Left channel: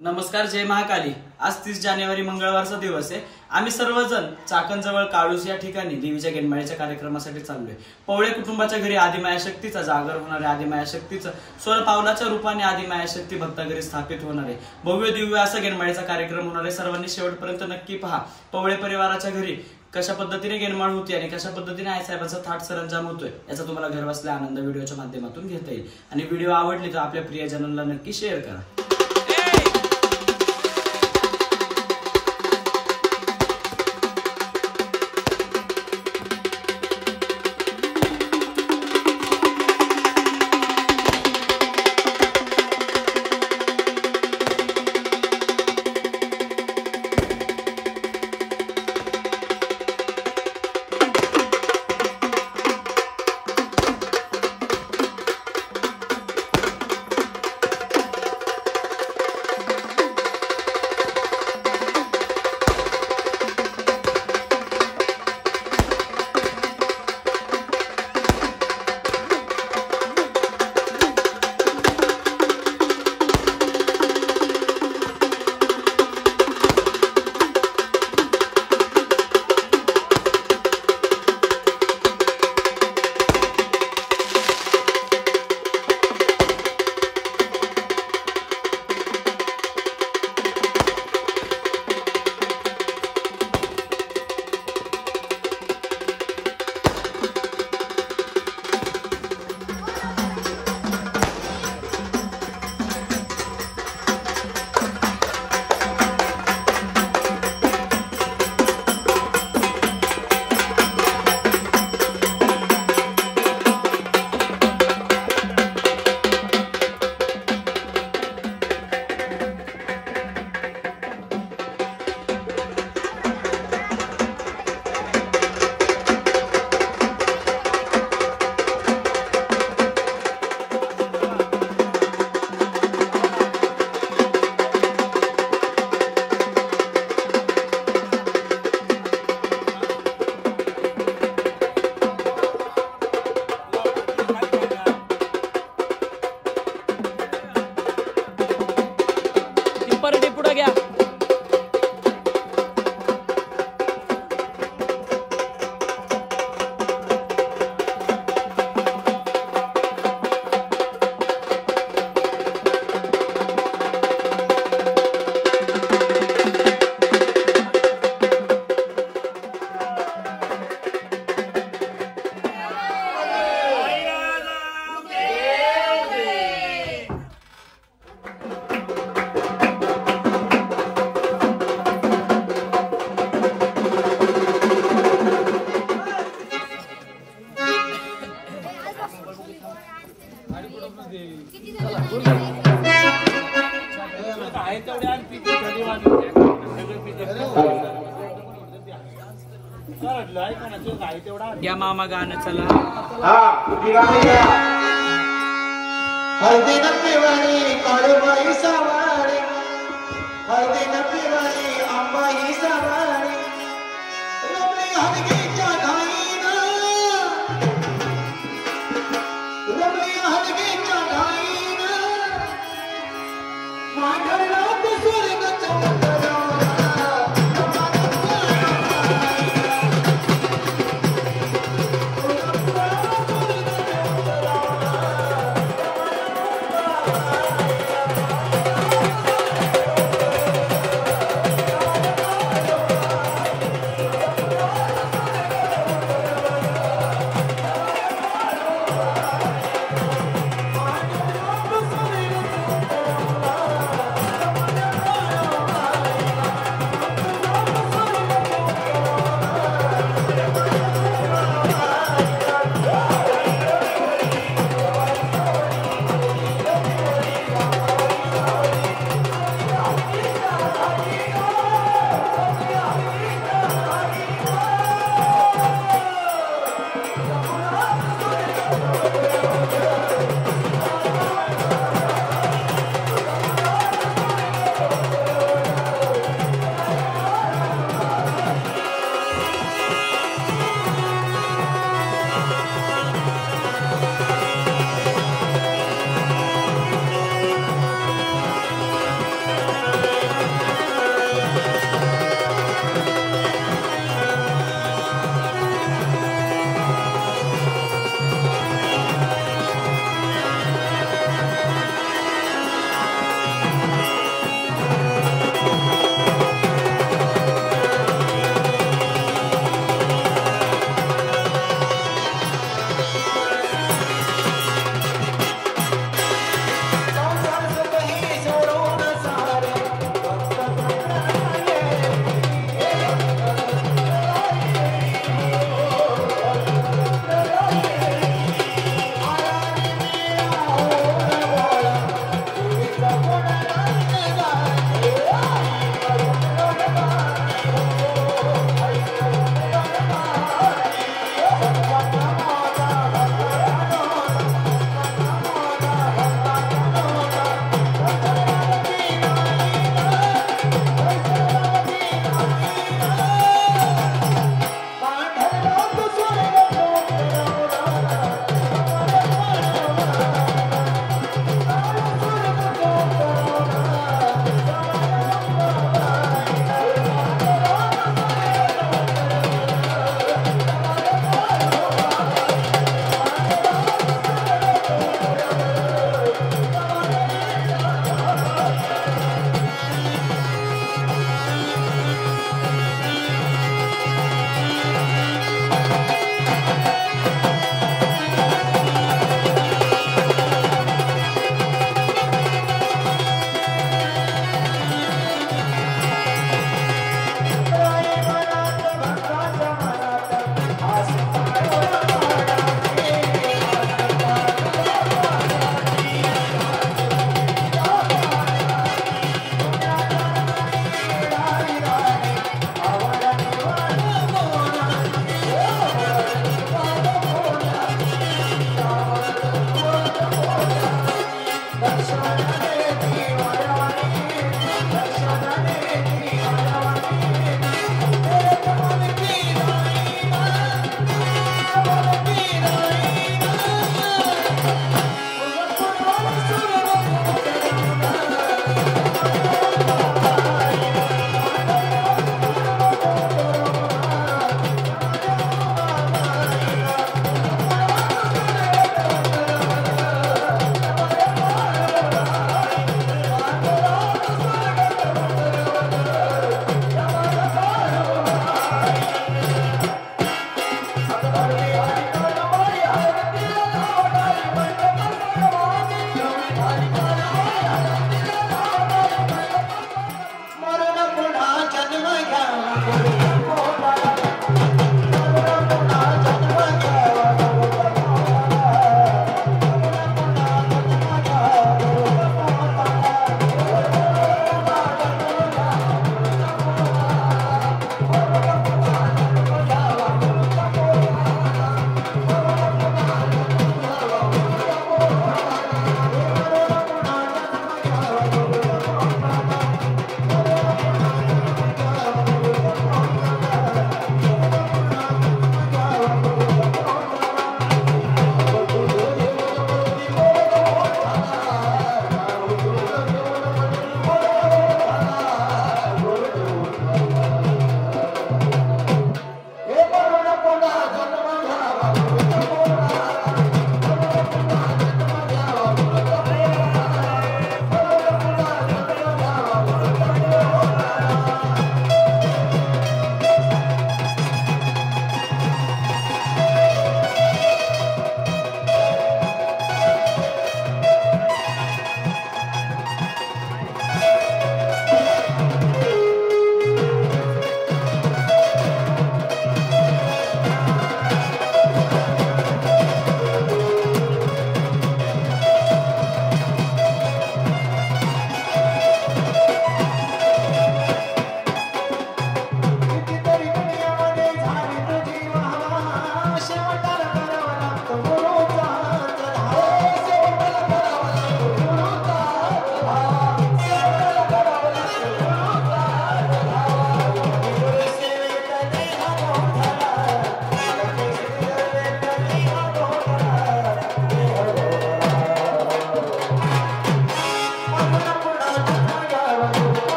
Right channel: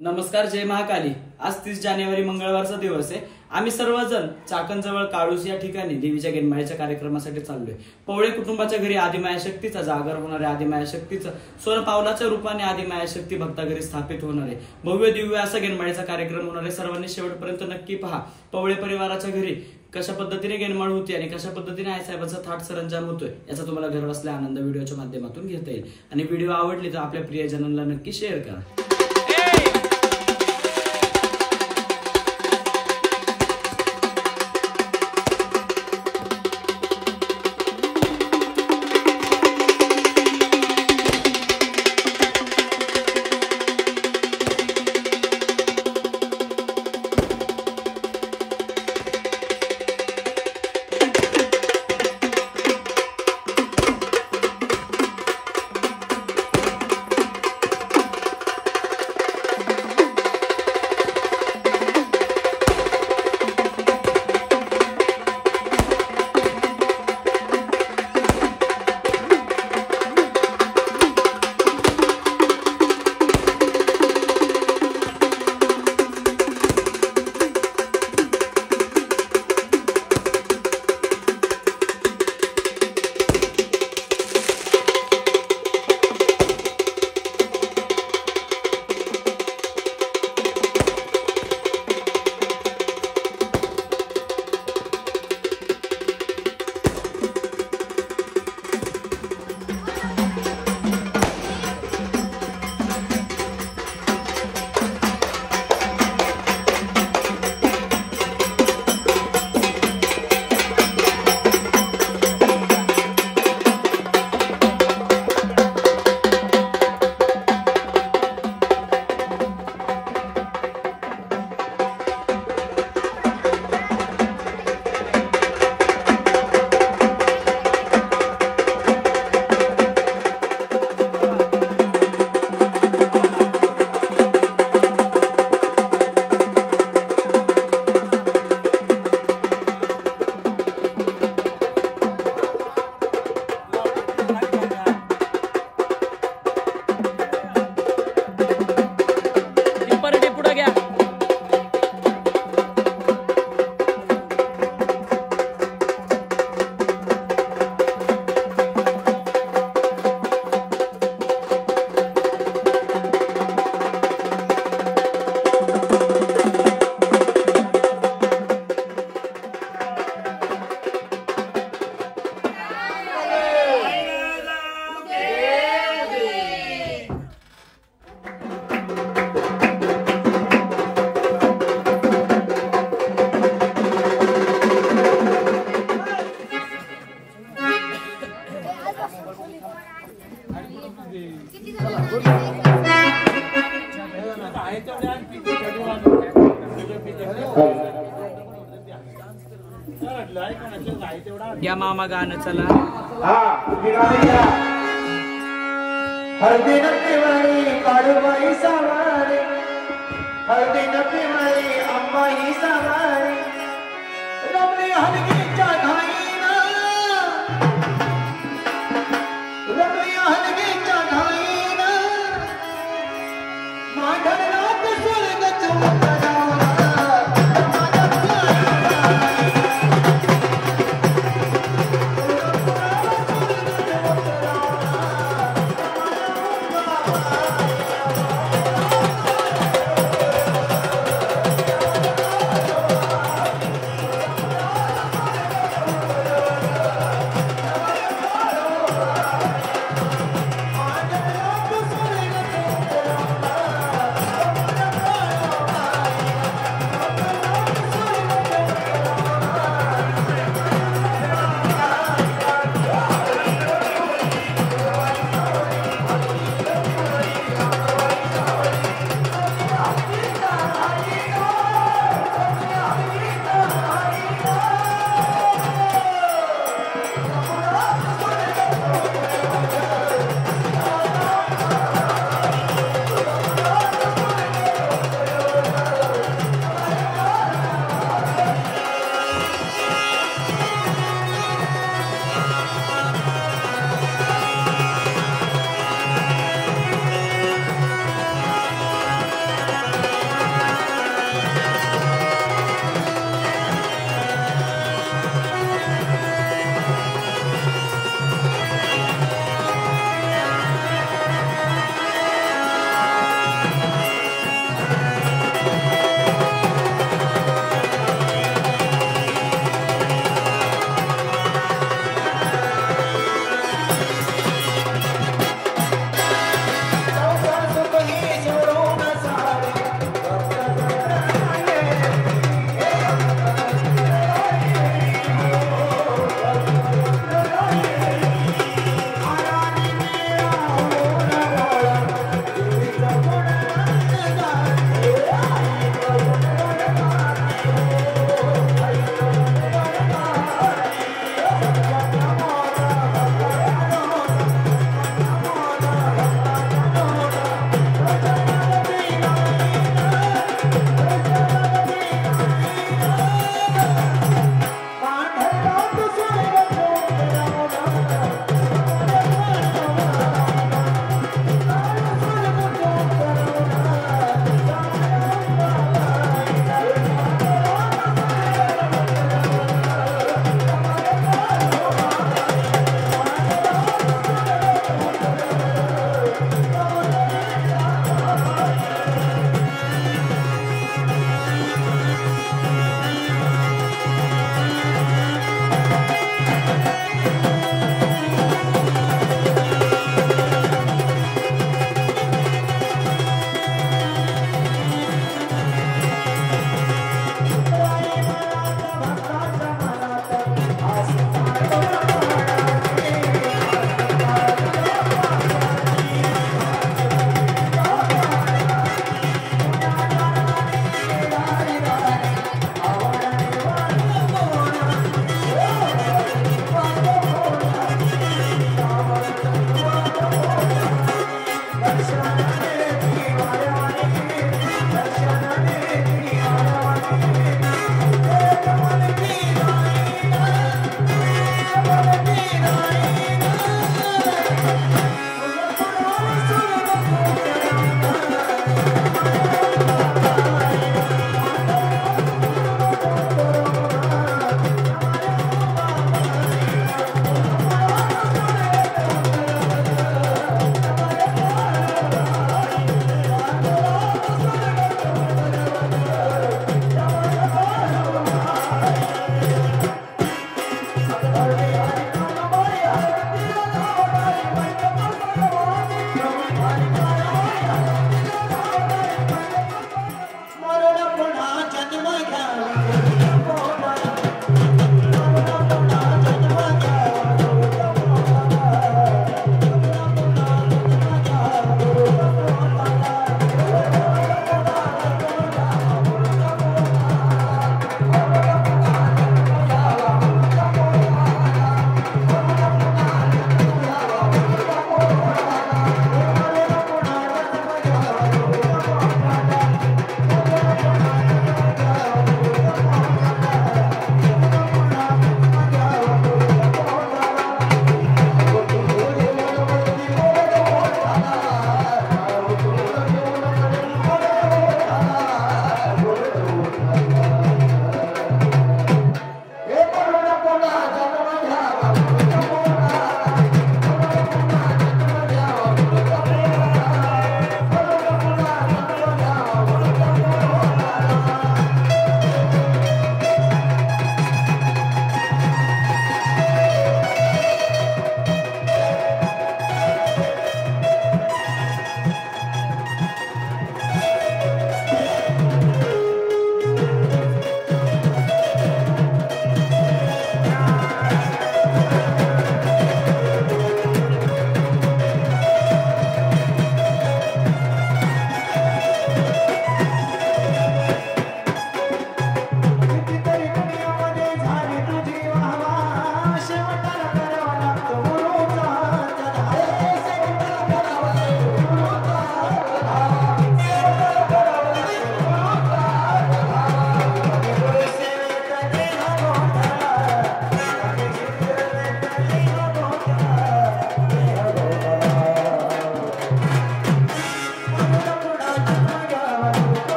नमस्कार, जय महाकाली। आज 30 जानेवारी मंगळवारचा दिवस आहे। आम्ही सर्वजण चाकणजवळ काळूस या ठिकाणी देवीच्या गेनमाळीच्या कार्यक्रमासाठी चाललोय। पवळे कुटुंबाच्या घरी आदिमाया शक्तीचा जागर होणार आहे। आदिमाया शक्तीचं स्वर पावलाच्या रूपाने आदिमाया शक्ती भक्ता घरी स्थापित होणार आहे। भव्य दिव्य असा गेनमाळीचा कार्यक्रम होणार आहे। सर्वांनी शेवटपर्यंत नक्की पहा। पवळे परिवाराच्या घरी कशा पद्धतीने गेनमाळ होती आणि कशा पद्धतीने आईसाहेबांचा थाट सरंजाम होतोय याचा तुम्हाला घर बसल्या आनंद व्हिडिओच्या माध्यमातून घेता येईल। आणि व्हिडिओ आवडली तर आपल्या प्रियजनांना नक्की शेअर करा। या मामा गाणं चला। हळदी नपिवाळी काळूबाई सावारी, हळदी नपिवाळी अंबाई सावारी, रमली हलगीच्या धाईनं, रमली हलगीच्या धाईनं, माढळनाथ स्वर्ग चोपडावा।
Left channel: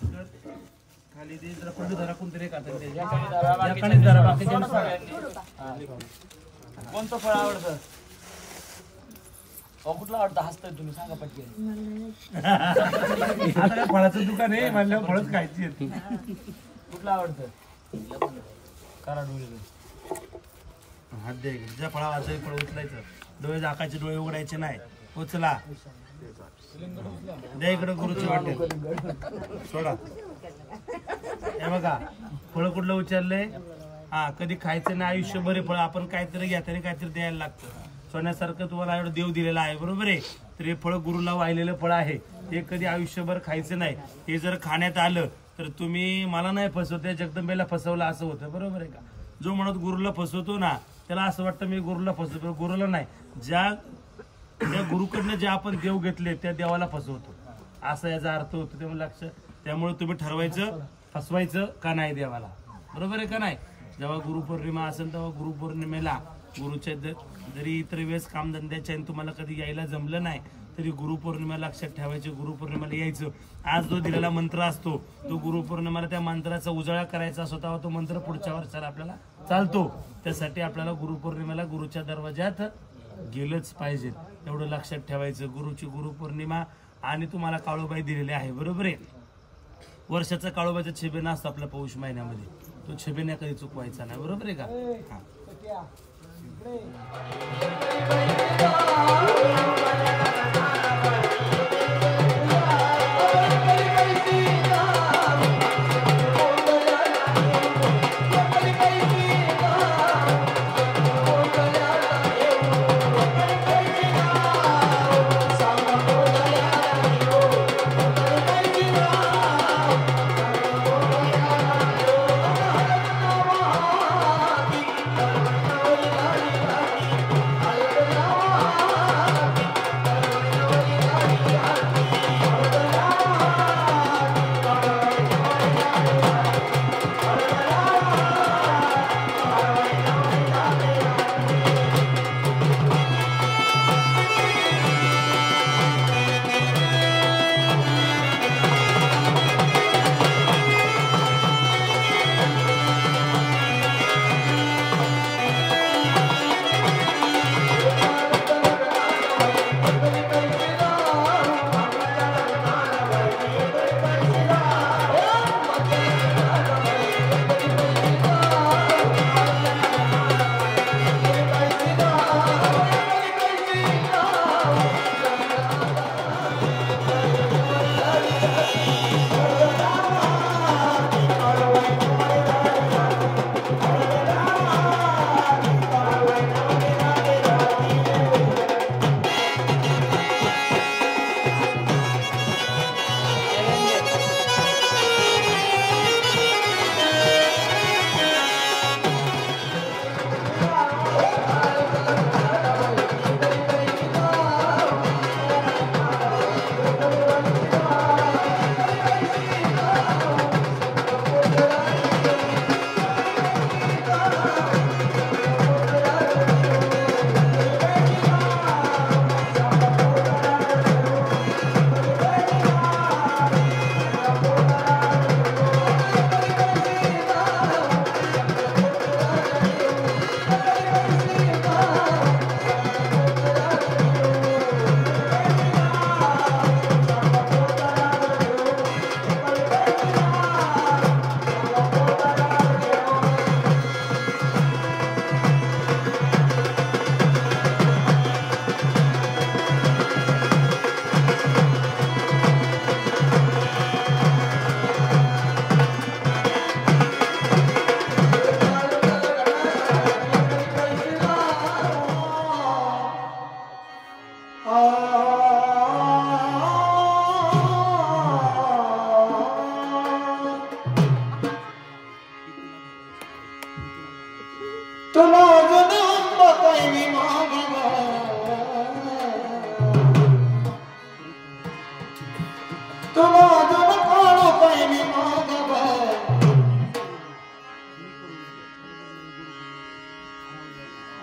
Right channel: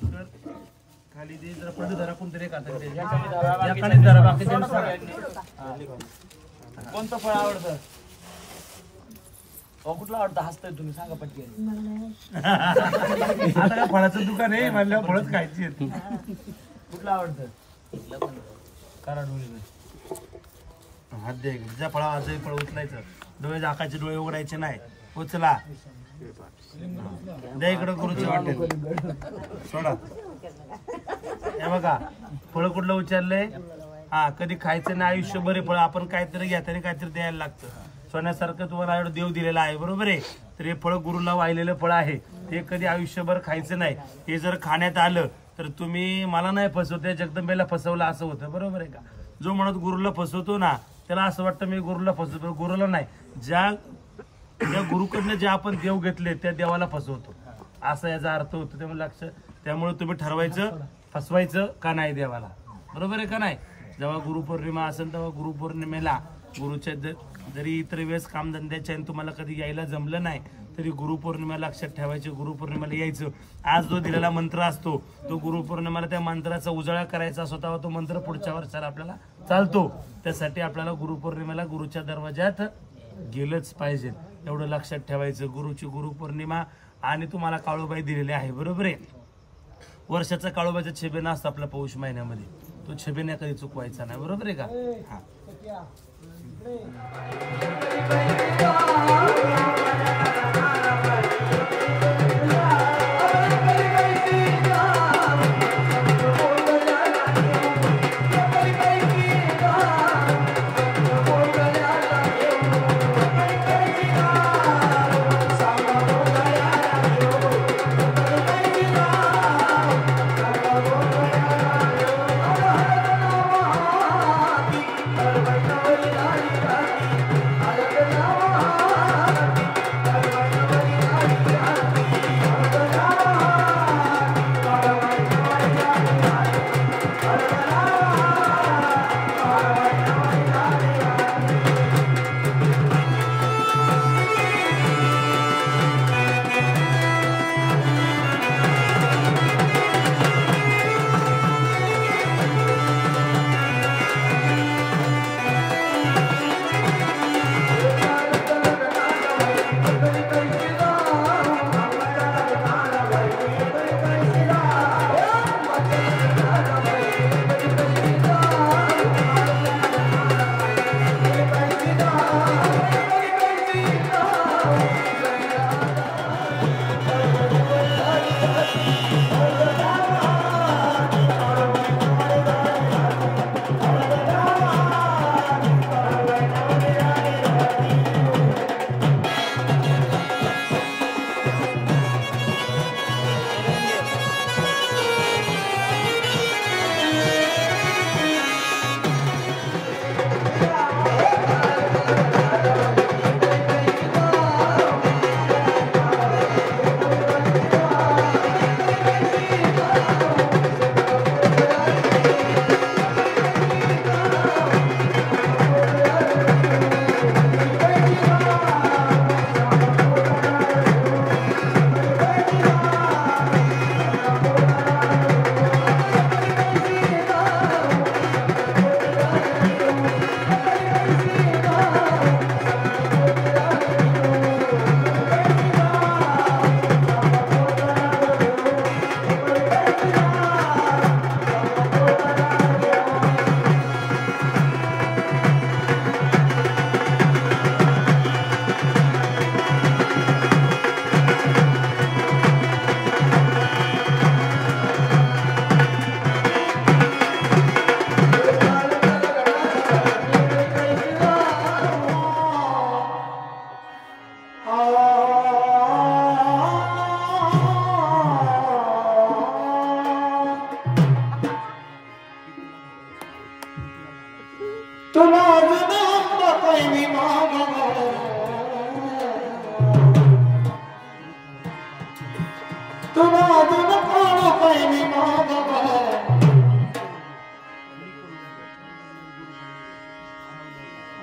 खाली दे जरा पडलं जरा कोणतरी एक हातात दे. या खाली जरा बाकीच्या कोणतं फळ आवडतं? कुठलं आवडतं? हसताय तुम्ही, सांगा पटके. आता काय फळाचं दुकान आहे म्हणल्यावर फळच खायची आहेत. कुठलं आवडतं? करा डोळे. हात दे ज्या फळा आजही फळ उचलायचं, डोळे झाकायचे, डोळे उघडायचे नाही. उचला द्या इकडं गुरुची वाटेल सोडा. हे बघा फळ कुठलं उचललंय. हा कधी खायचं नाही आयुष्यभर हे फळ. आपण काहीतरी घेताना काहीतरी द्यायला लागतं. सोन्यासारखं तुम्हाला एवढं देव दिलेलं आहे बरोबर आहे. तर हे फळ गुरुला वाहिलेलं फळ आहे. ते कधी आयुष्यभर खायचं नाही. हे जर खाण्यात आलं तर तुम्ही मला नाही फसवते जगदंबेला फसवलं असं होतं बरोबर आहे का. जो म्हणत गुरुला फसवतो ना त्याला असं वाटतं मी गुरुला फसवतो. गुरुला नाही, त्या गुरुकडनं जे आपण देव घेतले त्या देवाला फसवतो असा याचा अर्थ होतो. त्यामुळे लक्ष, त्यामुळे तुम्ही ठरवायचं फसवायचं का नाही देवाला, बरोबर आहे का नाही. जेव्हा गुरुपौर्णिमा असेल तेव्हा गुरुपौर्णिमेला गुरुच्या जरी इतर वेळेस कामधंद्याच्या तुम्हाला कधी यायला जमलं नाही तरी गुरुपौर्णिमा लक्षात ठेवायचे. गुरुपौर्णिमेला यायचं. आज जो दिलेला मंत्र असतो तो गुरुपौर्णिमेला त्या मंत्राचा उजाळा करायचा असतो तेव्हा तो मंत्र पुढच्या वर्षाला आपल्याला चालतो. त्यासाठी आपल्याला गुरुपौर्णिमेला गुरुच्या दरवाज्यात गेलंच पाहिजे. एवढं लक्षात ठेवायचं. गुरुची गुरुपौर्णिमा आणि तुम्हाला काळूबाई दिलेली आहे बरोबर आहे. वर्षाचा काळूबाईचा छेबेना असतो आपल्या पौष महिन्यामध्ये. तो छेबेना कधी चुकवायचा नाही बरोबर आहे का. हा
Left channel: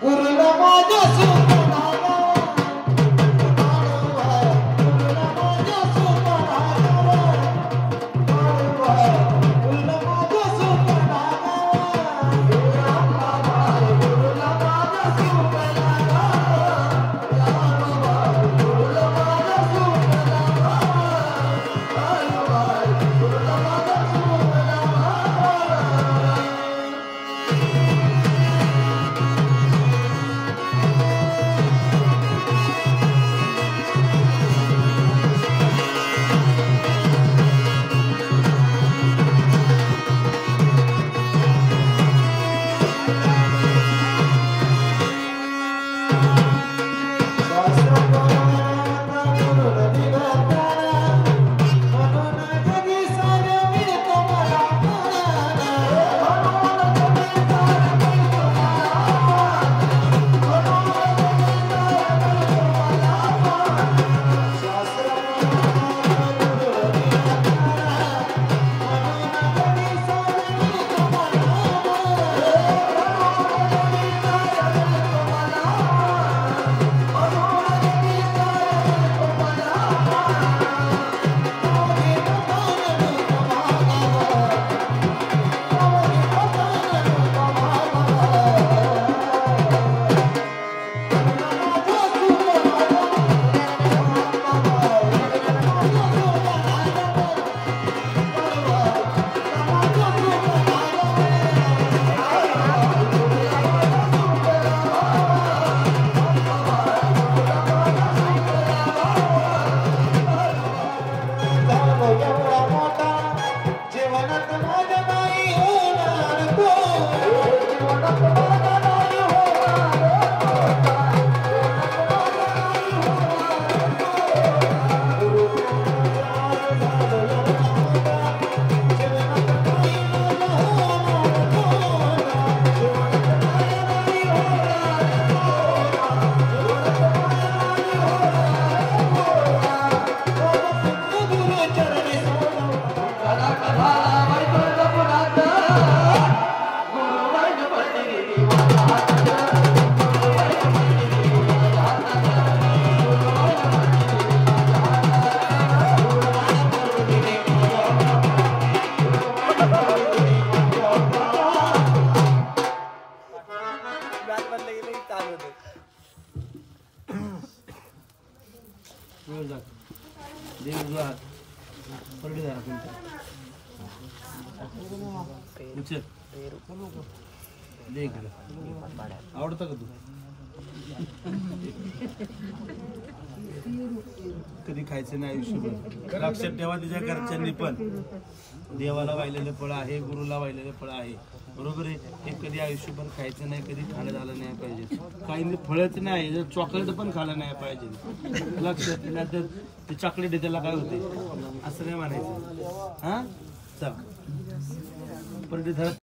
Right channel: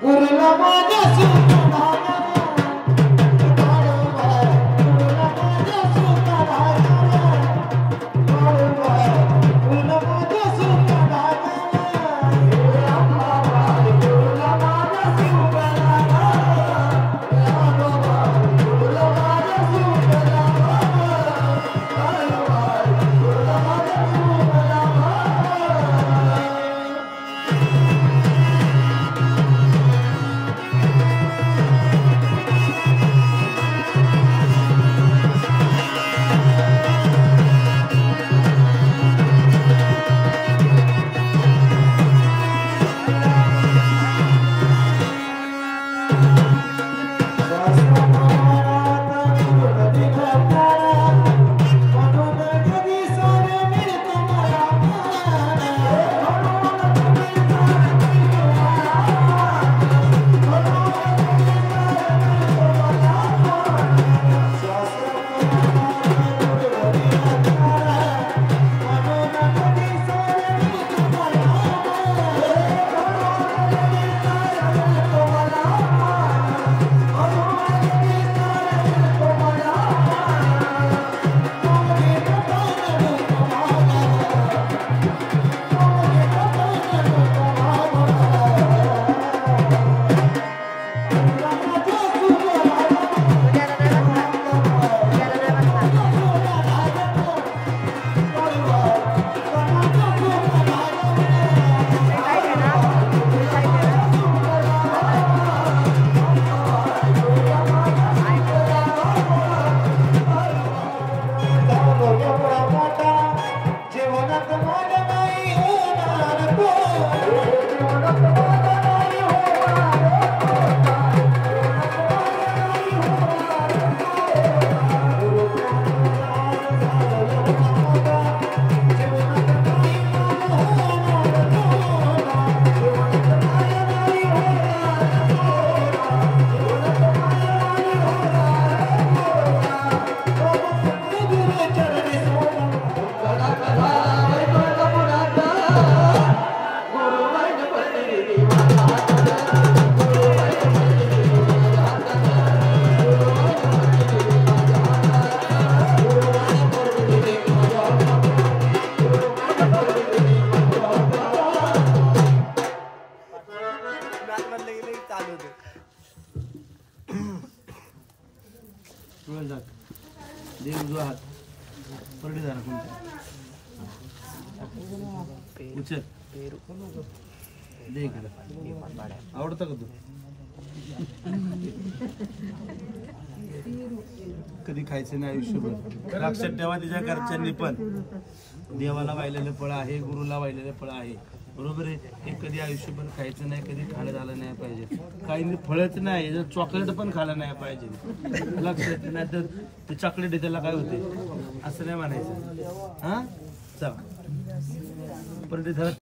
गुरुला माझ्या सुनाला गुरुला माझ्या सुनाला माझ्या नाही होणार तो देव जो हात परडी झाला कोणत्या उचल दे इकडं आवडतं का तू कधी खायचं नाही आयुष्यभर लक्षात ठेवा तिच्या घरच्यांनी पण देवाला वाहिलेलं फळ आहे गुरुला वाहिलेलं फळ आहे बरोबर आहे हे कधी आयुष्यभर खायचं नाही कधी खाणं झालं नाही पाहिजे काही फळच नाही जर चॉकलेट पण खाल्लं नाही पाहिजे लक्षात नाही तर ते चॉकलेट आहे त्याला काय होते असं नाही म्हणायचं हा चला परत